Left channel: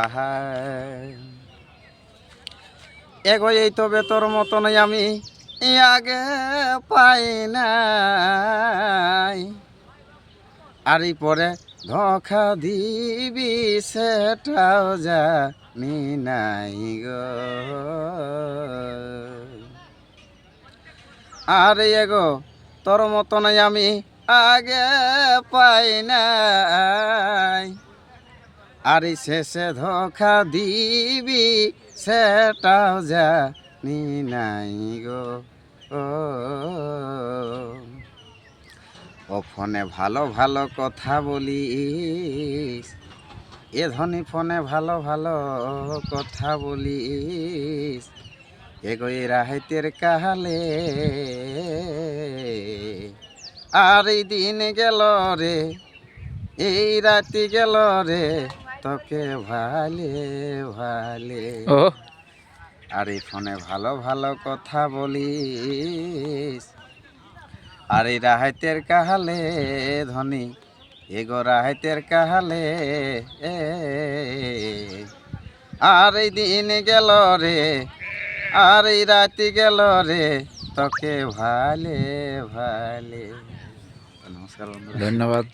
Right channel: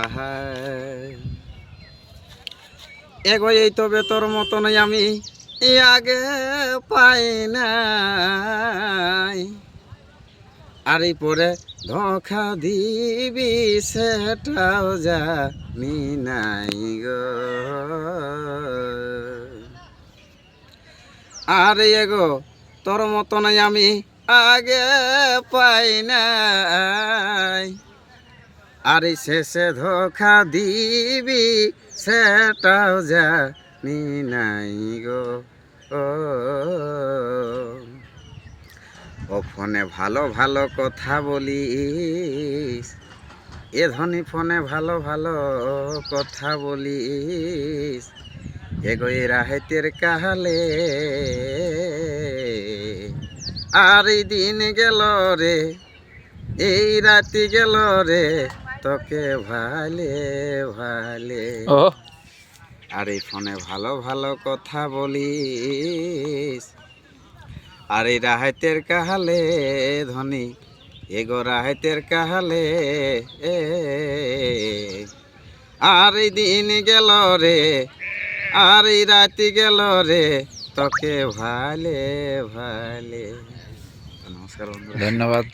আহা এগো এই তবে তোর মতনই আমি আগে পাই নাই, আর এই পরে ধোঁকা দিবি সেটাও জানি নাই গো। আর এগো তোর মতনই আমি আগে পাই নাই, আর এই শেষে ধোঁকা দিবি সেটাও জানি নাই গো। ও ফোনে ভালো ভালো কথা বলিস, এ ধনী ফোনে ভালো ভালো কথা বলিস, এগো এই রাহেতের কাহালে আর এই দিন গেল রে, এই রাতি গেল রে, তোকে ভালে ভালে। ও আর এই ফোনে ভালো ভালো কথা বলিস, আর এই রাহাতের কাহালে ধনী, এগো রাহাতের কাহালে আর এই দিন গেল রে, আর এই রাতি গেল রে, তোকে ভালে ভালে। নমস্কার বন্ধুরা, ধন্যবাদ।